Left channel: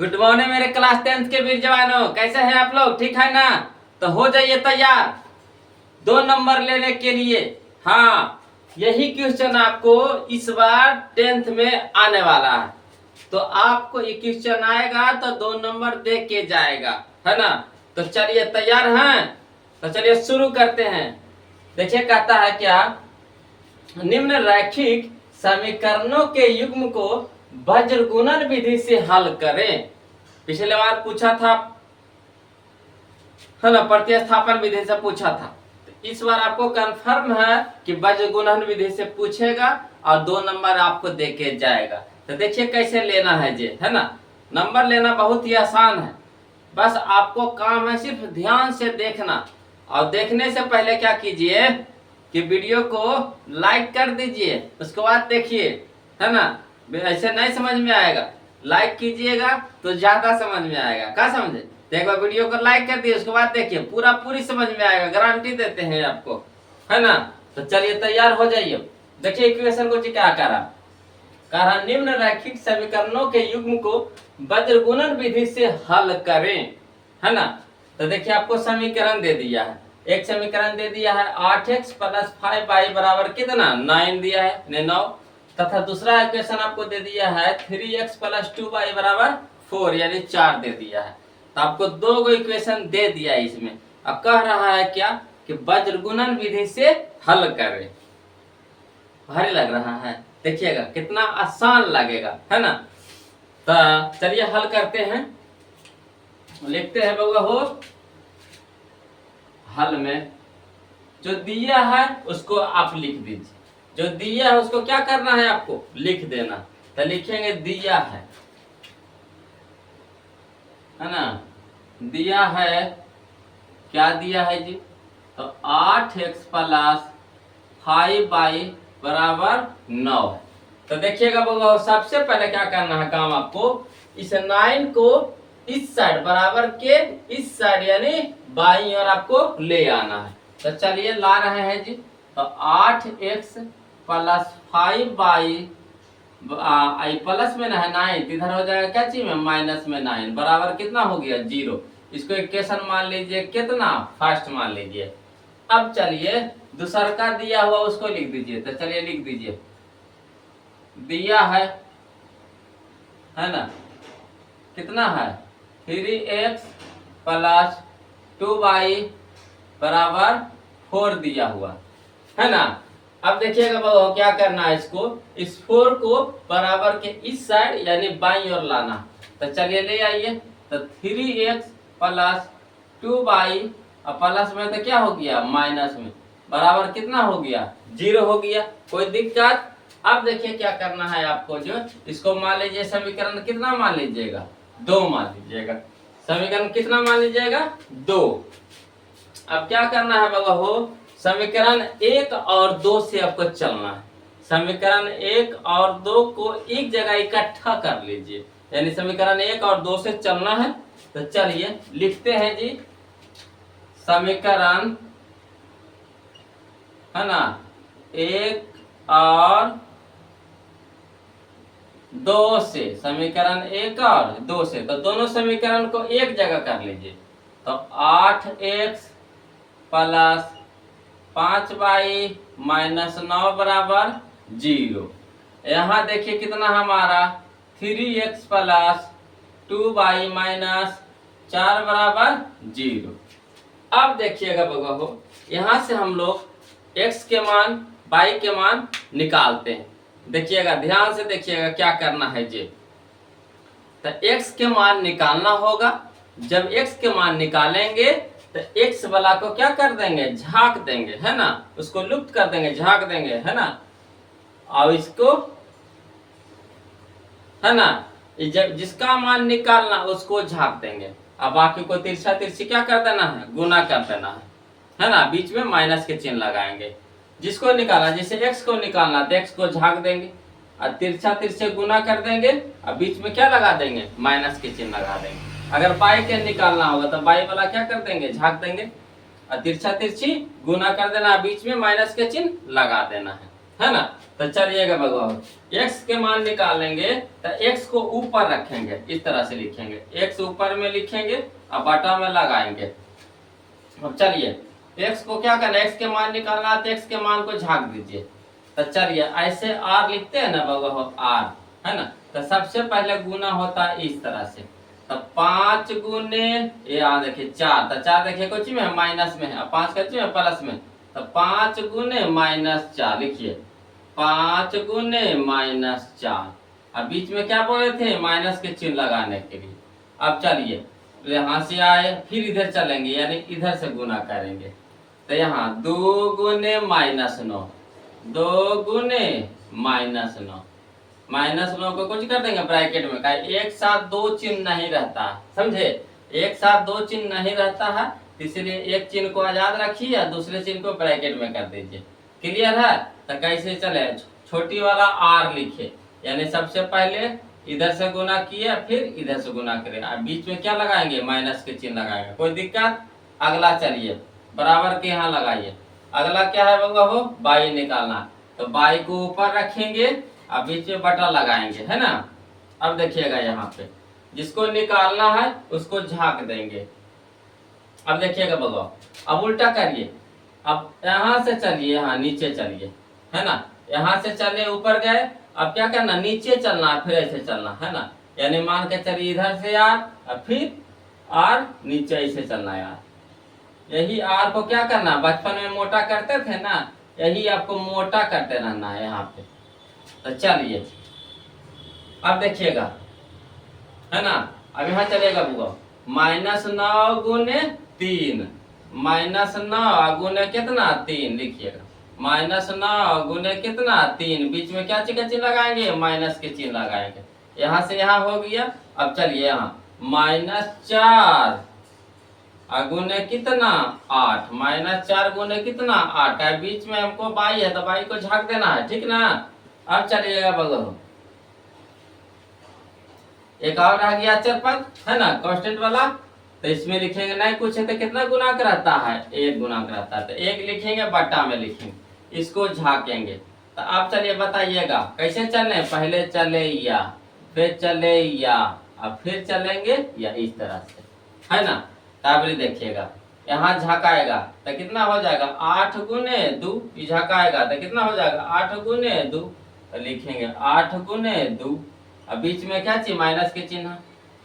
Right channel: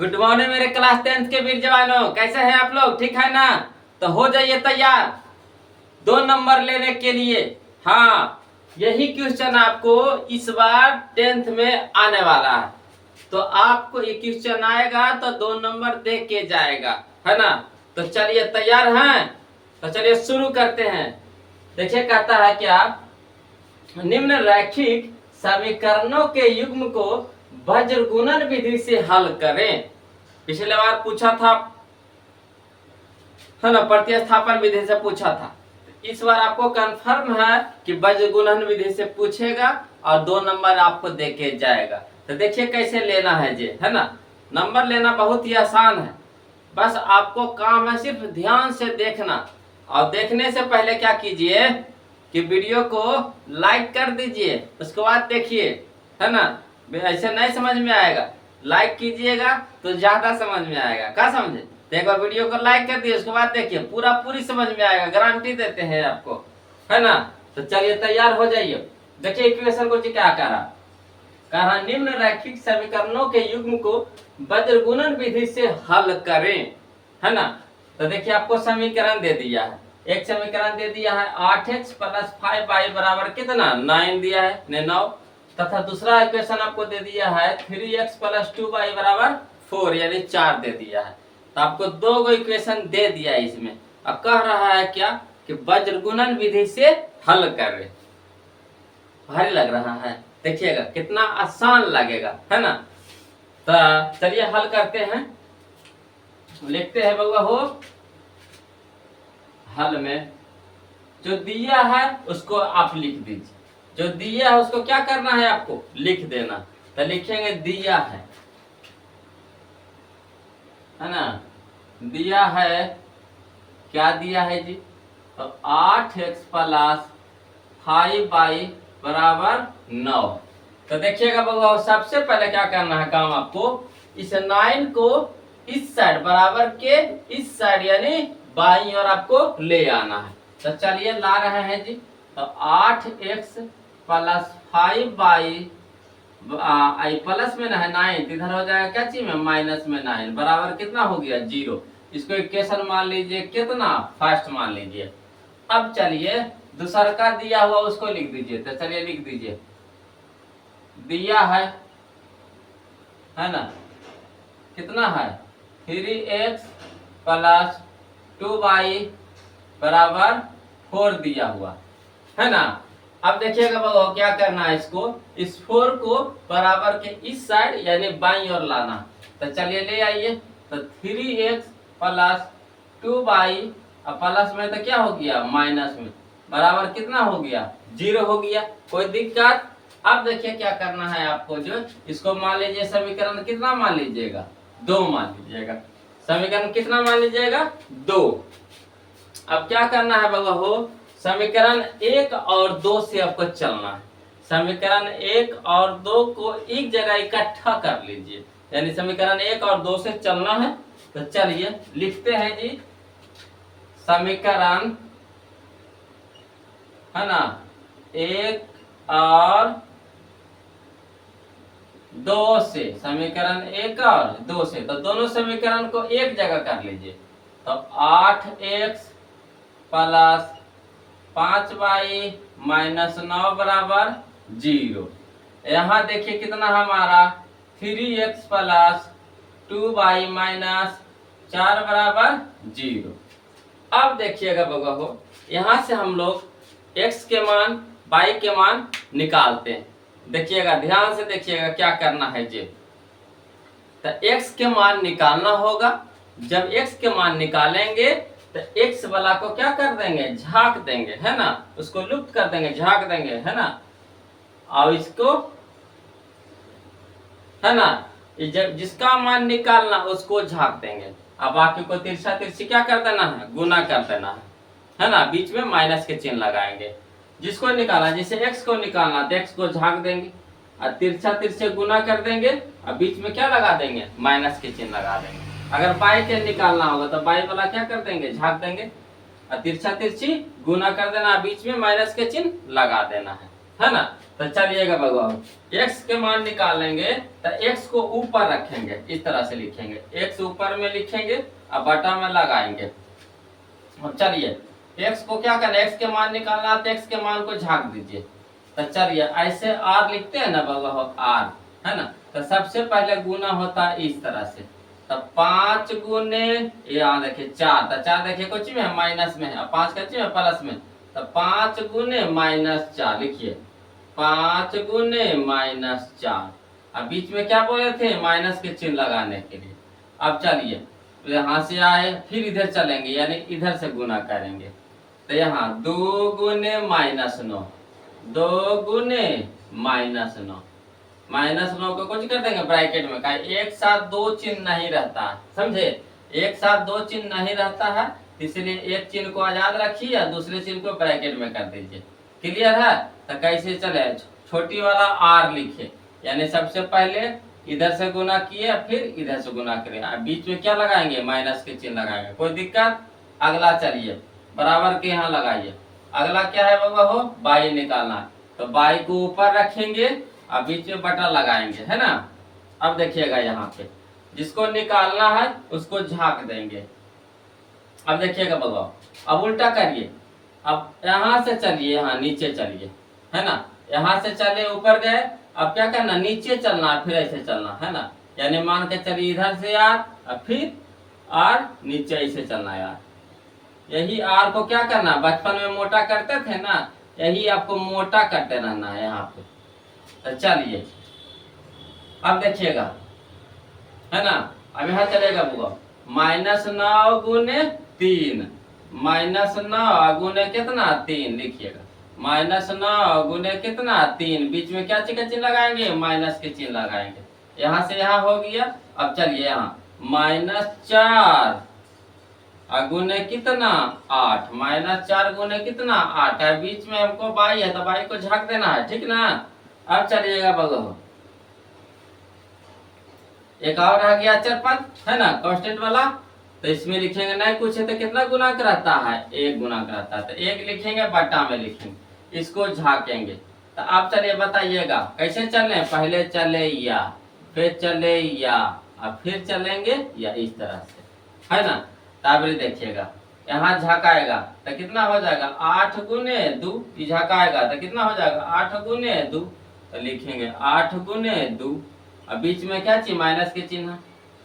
Good morning मेरे class 10th के वीर जवानों, कैसे हैं आप लोग? ठीक है ना? तो हो जाइए तैयार 2 नंबर लेने के लिए। हाँ, यही क्वेश्चन आपको इस बार 10th में आने वाला है। तो आपको ये क्वेश्चन आएगा तो 2 नंबर दे के जाएगा, है ना? तो चलिए तैयार हैं? तो चलिए शुरू करते हैं। देखिए कहता है क्या, निम्न रैखिक समीकरणों के युग्म को वज्रगुणन विधि से हल करें। पिछले बार पूछा था, है ना, प्रतिस्थापन विधि से पूछा था। तो इस बार आपको कंफर्म है कि वज्रगुणन विधि से पूछेगा और 2 नंबर आपको देके जाएगा। तो देखिए कैसे लेना है जी, है ना? नंबर लेना बहुत ही आसान है, बस आपको काम है सिर्फ ध्यान से देखना। और देखने से पहले क्या कीजिए कि वीडियो को लाइक कर दीजिए, उसके बाद देखिए, है ना? ऐसे नहीं समझ में आएगा, लाइक कीजिएगा तो ज्यादा समझ में आएगा। क्या समझे? देखो वीडियो को लाइक कर दिए, उसके बाद देखिए पूरी समझ में आएगा, गारंटी देते हैं आपको, है ना? तो चलिए तैयार हो जाइए। देखिए इक्वेशन को जी क्या कहा, निम्न रैखिक समीकरणों के युग्म को वज्रगुणन विधि से हल करें, है ना? तो देखिए आपको समीकरण दे दिया है, एक समीकरण दे दिया है 8x + 5y बराबर कितना 9 दिया है 9, तथा दूसरा इक्वेशन आपको दे दिया है 3x + 2y बराबर 4 यानी 4 दे दिया है। तो आपको 2 इक्वेशन दे दिया है इसमें। अब कह रहा है क्या कि वज्रगुणन विधि से हल करें। भारी लग रहा है, देखिएगा कितना आसान लगेगा, है ना? तो चलिए हल करते हैं, लिखते हैं बउआ हो। हल में जो दिया है उसको आप लिख दीजिए, जो दिया है उसको क्या करना है आपको लिख देना। तो लिखेंगे दिया है ना? दिया है, क्या दिया है जी? तो 8x + 5y बराबर 9 है। तो देखिएगा बउआ, सबसे पहले क्या करना है काम आपको, इस 9 को इस साइड बराबर के इस साइड यानी बाईं ओर आपको ले आना है। तो चलिए ला रहे हैं जी। तो 8x + 5y आई प्लस में ना है 9, इधर हो जाएगा क्या चीज में माइनस में 9 बराबर कितना हो गया 0। इसको इक्वेशन मान लीजिए कितना, फर्स्ट मान लीजिए। अब चलिए दूसरा का दिया हुआ उसको लिख दीजिए। तो चलिए लिख दीजिए, दिया है ना, कितना है 3x + 2y बराबर 4 दिया हुआ है ना। अब देखिएगा बाबू क्या करना है, इसको इस 4 को बराबर के इस साइड यानी बाईं ओर लाना। तो चलिए ले आइए। तो 3x + 2y और प्लस में तो क्या हो गया माइनस में बराबर कितना हो गया 0 हो गया। कोई दिक्कत? अब देखिए क्या करना है आपको, जो इसको मान लीजिए समीकरण कितना मान लीजिएगा 2 मान लीजिएगा। समीकरण कितना मान लीजिएगा 2। अब क्या करना है बाबा हो, समीकरण 1 और 2 से आपको चलना है। समीकरण 1 और 2 को एक जगह इकट्ठा कर लीजिए, यानी समीकरण 1 और 2 से चलना है। तो चलिए लिखते हैं जी, समीकरण है ना 1 और 2 से, समीकरण 1 और 2 से, तो दोनों समीकरण को एक जगह कर लीजिए। तो 8x + 5y - 9 बराबर 0। यहाँ देखिए कितना हमारा 3x + 2y - 4 बराबर 0। अब देखिएगा बगा हो, यहाँ से हम लोग x के मान y के मान निकालते हैं। देखिएगा ध्यान से देखिएगा क्या करना है जी। तो x के मान निकालना होगा। जब x के मान निकालेंगे तो x वाला को क्या कर देंगे, झाँक देंगे, है ना, उसको लुप्त कर देंगे, झाँक देंगे, है ना। और इसको है ना, जब जिसका मान निकालना उसको झाँक देंगे। अब बाकी को तिरछा तिरछी क्या कर देना है, गुना कर देना है ना। बीच में माइनस के चिन्ह लगाएंगे। जिसको निकालना, जैसे x को निकालना तो x को झाँक देंगे और तिरछा तिरछे गुना कर देंगे और बीच में क्या लगा देंगे, माइनस के चिन्ह लगा देंगे। अगर बाई के निकालना होगा तो बाई वाला क्या कर देंगे, झाँक देंगे और तिरछा तिरछी गुना कर देना, बीच में माइनस के चिन्ह लगा देना है ना। तो चलिएगा भगवान, x के मान निकालेंगे तो x को ऊपर रखेंगे, इस तरह से लिखेंगे, x ऊपर में लिखेंगे और बटा में लगाएंगे। अब चलिए x को क्या करना है, x के मान निकालना है तो x के मान को झाँक दीजिए। तो चलिए ऐसे r लिखते हैं ना भगवान, r है ना, तो सबसे पहले गुना होता है इस तरह से। तो 5 गुने यहाँ देखिए 4, तो 4 देखिए कुछ में है माइनस में है, और 5 कच्ची में प्लस में, तो 5 गुने -4 लिखिए, 5 गुने -4। अब बीच में क्या बोले थे, माइनस के चिन्ह लगाने के लिए। अब चलिए यहाँ से आए फिर इधर चलेंगे, यानी इधर से गुना करेंगे। तो यहाँ 2 गुने -9, 2 गुने -9, -9 को कुछ कर देंगे ब्रैकेट में, का एक साथ दो चिन्ह नहीं रहता, समझे, एक साथ दो चिन्ह नहीं रहता है, इसलिए एक चिन्ह को आजाद रखिए और दूसरे चिन्ह को ब्रैकेट में कर दीजिए। क्लियर है? तो कैसे चले, छोटी वाला r लिखे, यानी सबसे पहले इधर से गुना किए फिर इधर से गुना करें, अब बीच में क्या लगाएंगे, माइनस के चिन्ह लगाएंगे, कोई दिक्कत। अगला चलिए बराबर के यहाँ लगाइए, अगला क्या है बाबा हो, बाई निकालना, तो बाई को ऊपर रखेंगे अब बीच में बटा लगाएंगे, है ना। अब देखिएगा यहाँ पे जिसको निकालना है उसको झाँक देंगे। अब देखिएगा बाबा, अब उल्टा करिए, अब यहाँ से चलिए, यहाँ नीचे चलिए, है ना, यहाँ से चले ऊपर गए, अब क्या करना, नीचे चलना है, फिर ऐसे चलना है ना, यानी मान के चलिए इधर से यार, अब फिर आर नीचे ऐसे चलना यार, यही आर को क्या करना, बचपन में मोटा करते थे ना, यही आपको मोटा करते रहना है यहाँ पे। तो चलिए अब देखिएगा, है ना, अब यहाँ चलेगा बुआ, -9 गुने 3, -9 गुने कितना 3 लिखिएगा, -9 गुने कितना 3, बीच में क्या चिन्ह लगाएंगे, माइनस के चिन्ह लगाएंगे, यहाँ से यहाँ हो गया। अब चलिए यहाँ -4 गुने कितना 8, -4 गुने कितना 8 है, बीच में हमको बाई है तो बाई को झाँक देना है, ठीक ना। अब चलिएगा बगल, एक और रह गया अचर पद, है ना, कांस्टेंट वाला, तो इसमें लिखेंगे नहीं कुछ है तो कितना गुणक रहता है, 1 गुणक रहता है, तो 1 लिखेंगे बटा में लिखेंगे, इसको झाकेंगे। तो अब चलिए बताइएगा कैसे चलने, पहले चले या, फिर चले या, अब फिर चलेंगे या, इस तरह से, है ना। तब देखिएगा यहाँ झकाएगा तो कितना हो जाएगा, 8 गुने 2, झकाएगा तो कितना हो जाएगा, 8 गुने 2, तो लिखेंगे 8 गुने 2, अब बीच में क्या चाहिए, माइनस के चिन्ह,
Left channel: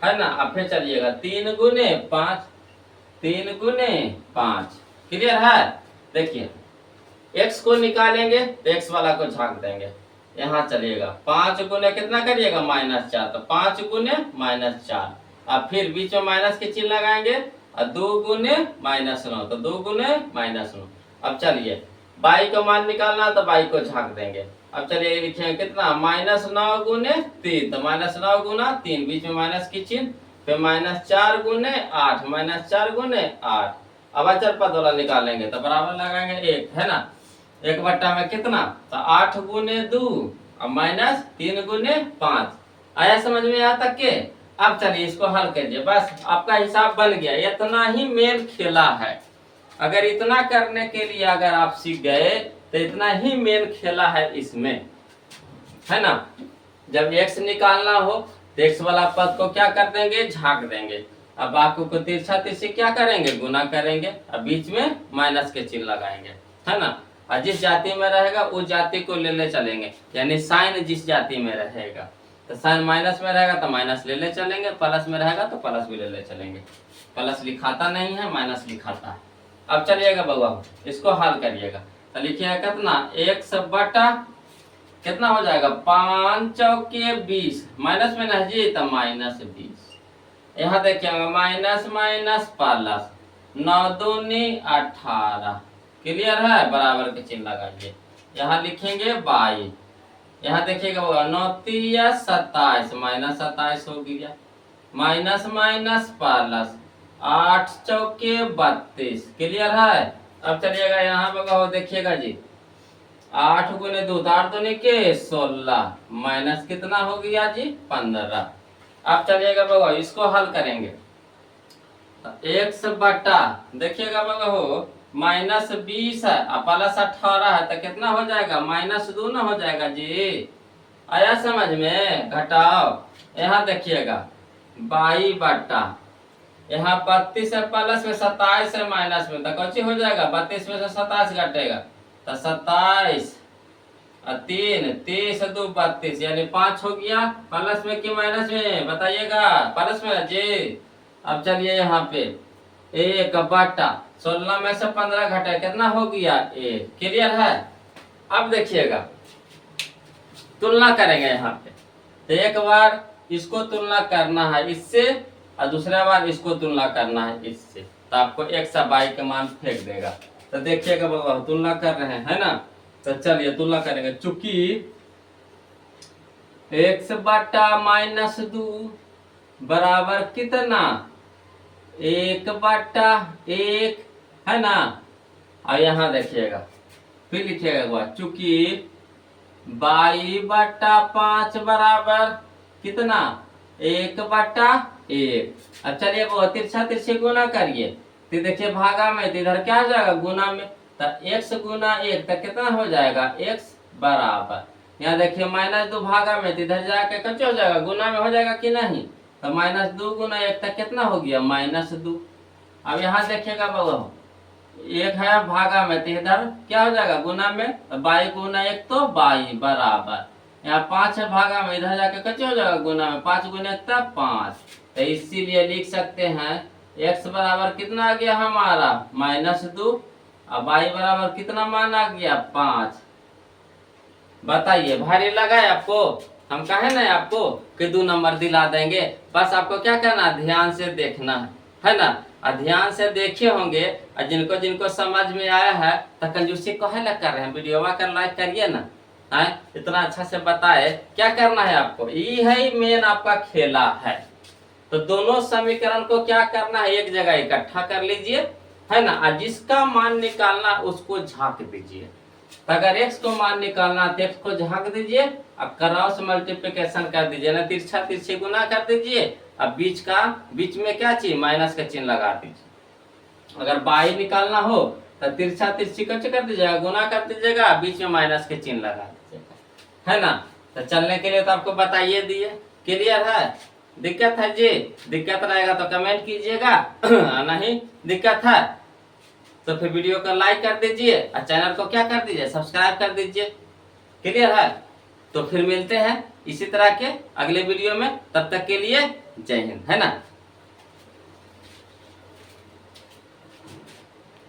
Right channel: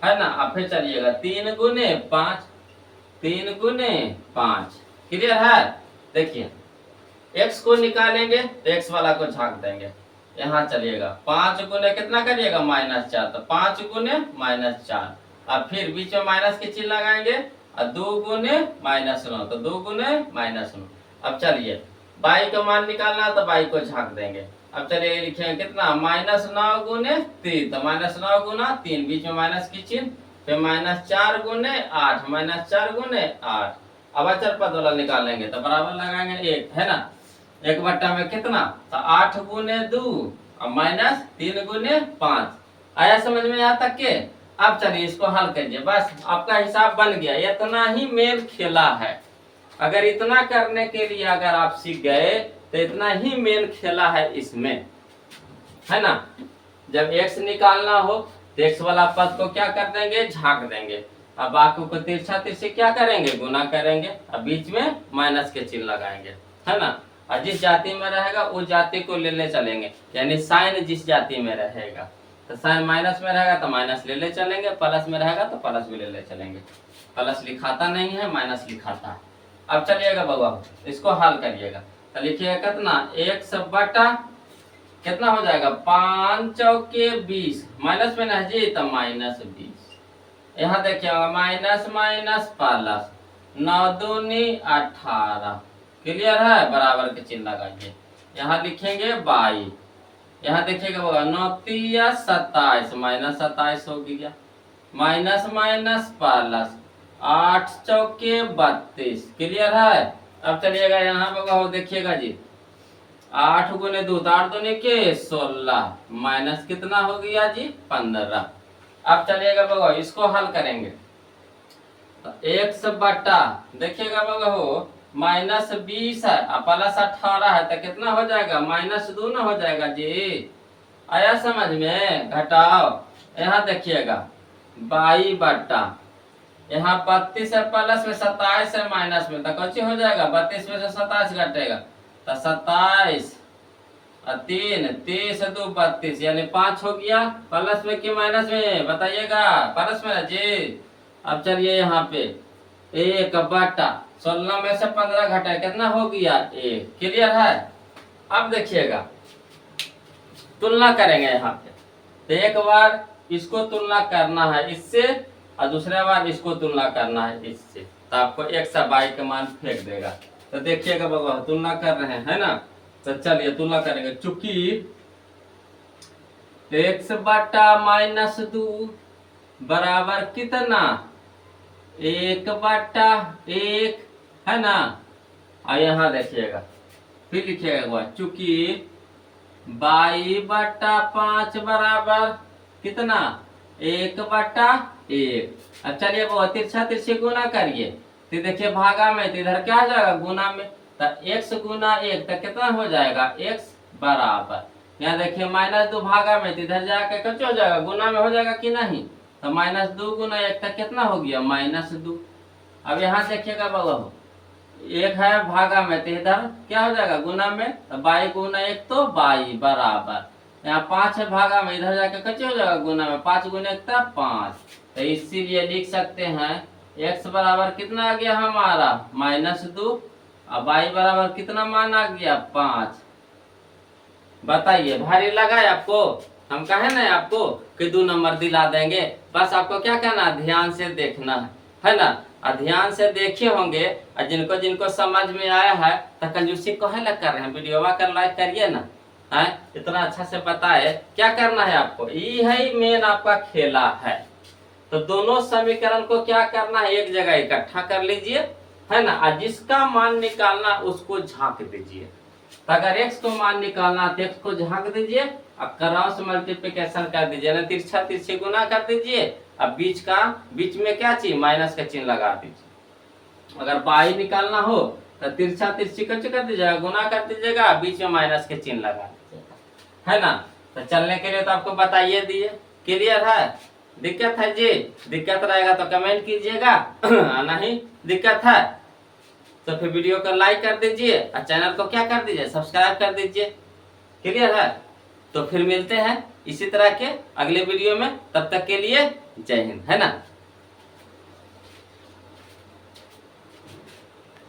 है ना। अब फिर चलिएगा 3 गुने 5, 3 गुने 5, क्लियर है। देखिए x को निकालेंगे तो x वाला को झाँक देंगे, यहाँ चलिएगा 5 गुने कितना करिएगा, -4, तो 5 गुने -4, अब फिर बीच में माइनस के चिन्ह लगाएंगे, और 2 गुने -9, तो 2 गुने -9। अब चलिए बाई का मान निकालना तो बाई को झाँक देंगे। अब चलिए लिखेंगे कितना, -9 गुने 3, तो -9 गुना 3, बीच में माइनस की चिन्ह, फिर -4 गुने 8, -4 गुने 8। अब अचर पद वाला निकालेंगे तो बराबर लगाएंगे 1, है ना, 1 बट्टा में कितना, तो 8 गुने 2 और -3 गुने 5। आया समझ में यहाँ तक के। अब चलिए इसको हल करिए, बस आपका हिसाब बन गया, इतना ही मेल खेला है। अगर इतना करने के लिए अगर आप सीख गए तो इतना ही मेल खेला है इसमें, है ना। जब x निकालना हो तो x वाला पद को क्या कर देंगे, झाँक देंगे, अब बाकी को तिरछा तिरछी क्या करेंगे, गुना करेंगे, अब बीच में माइनस के चिन्ह लगाएंगे, है ना। और जिस जाति में रहेगा उस जाति को ले चलेंगे, यानी साइन जिस जाति में रहेगा, तो साइन माइनस में रहेगा तो माइनस ले चलेंगे, प्लस में रहेगा तो प्लस भी ले चलेंगे, प्लस लिखाता नहीं है माइनस लिखाता है। अब चलिएगा बउआ इसको हल करिएगा, तो लिखिएगा कितना, 1 बटा कितना हो जाएगा, 5 चौके 20, माइनस में नहीं जी तो -20, यहाँ देखिएगा माइनस माइनस प्लस, 9 दूनी 18, क्लियर है, बराबर के चिन्ह लगाइए, यहाँ लिखेंगे 22, यहाँ देखिएगा 9 तिया 27, -27 हो गया, माइनस माइनस प्लस, 8 चौके 32, क्लियर है। अब चलिएगा यहाँ पर देखिएगा जी, 8 गुने 2, 8 दूनी के 16, माइनस कितना हो गया जी 15। अब चलिएगा बगो इसको हल करेंगे, तो 1 बटा देखिएगा बगो -20 है और प्लस 18 है तो कितना हो जाएगा? -2 ना हो जाएगा जी। आया समझ में? घटाओ। यहाँ देखिएगा 22 बट्टा यहाँ 32 है प्लस में, 27 है माइनस में, तो कौन हो जाएगा? 32 में से 27 घटेगा तो 27 और 3 30 और 2 32 यानी 5 हो गया। प्लस में कि माइनस में बताइएगा? प्लस में जी। अब चलिए यहाँ पे 1 बट्टा 16 में से 15 घटाए कितना हो गया? 1। क्लियर है? अब देखिएगा तुलना करेंगे यहाँ पे, तो एक बार इसको तुलना करना है इससे और दूसरा बार इसको तुलना करना है इससे, तो आपको x और y का मान फेंक देगा। तो देखिएगा बाबा तुलना कर रहे हैं, है ना? तो चलिए तुलना करेंगे। चूंकि x बटा -2 बराबर कितना? 1 बटा 1 है ना? और यहाँ देखिएगा फिर लिखिएगा चूंकि y बटा 5 बराबर कितना? 1 बटा 1। अब चलिए वो तिरछा तिरछी गुना करिए, तो देखिए भागा में तो इधर क्या आ जाएगा? गुना में, तो x गुना 1 तो कितना हो जाएगा? x बराबर, यहाँ देखिए -2 भागा में तो इधर जाके कच हो जाएगा? गुना में हो जाएगा कि नहीं? तो -2 गुना 1 तक कितना हो गया? -2। अब यहाँ देखिएगा बाबा 1 है भागा में तो इधर क्या हो जाएगा? गुना में, तो 22 गुना 1 तो 22 बराबर, यहाँ 5 है भागा में इधर जाके कैसे हो जाएगा? गुना में, 5 गुना 1 था 5। तो इसीलिए लिख सकते हैं x बराबर कितना आ गया हमारा? -2 और y बराबर कितना मान आ गया? 5। बताइए भारी लगा है आपको? हम कहे ना आपको कि 2 नंबर दिला देंगे, बस आपको क्या करना? ध्यान से देखना है ना? और ध्यान से देखे होंगे और जिनको जिनको समझ में आया है तो कंजूसी कहे लग कर रहे हैं, वीडियो कर लाइक करिए ना। है इतना अच्छा से बताए क्या करना है आपको, ये है मेन आपका खेला है। तो दोनों समीकरण को क्या करना है? एक जगह इकट्ठा कर लीजिए, है ना? और जिसका मान निकालना उसको झांक दीजिए। तो अगर x को मान निकालना तो x को झांक दीजिए, अब क्रॉस मल्टीप्लिकेशन कर दीजिए ना, तिरछा तिरछी गुना कर दीजिए। अब बीच में क्या चाहिए? माइनस का चिन्ह लगा दीजिए। अगर y निकालना हो तो तिरछा तिरछी कच कर दीजिएगा, गुना कर दीजिएगा, बीच में माइनस के चिन्ह लगा दीजिएगा, है ना? तो चलने के लिए तो आपको बताइए दिए। क्लियर है? दिक्कत है जी? दिक्कत रहेगा तो कमेंट कीजिएगा, नहीं दिक्कत है तो फिर वीडियो को लाइक कर दीजिए और चैनल को क्या कर दीजिए? सब्सक्राइब कर दीजिए। क्लियर है? तो फिर मिलते हैं इसी तरह के अगले वीडियो में, तब तक के लिए जय हिंद, है ना?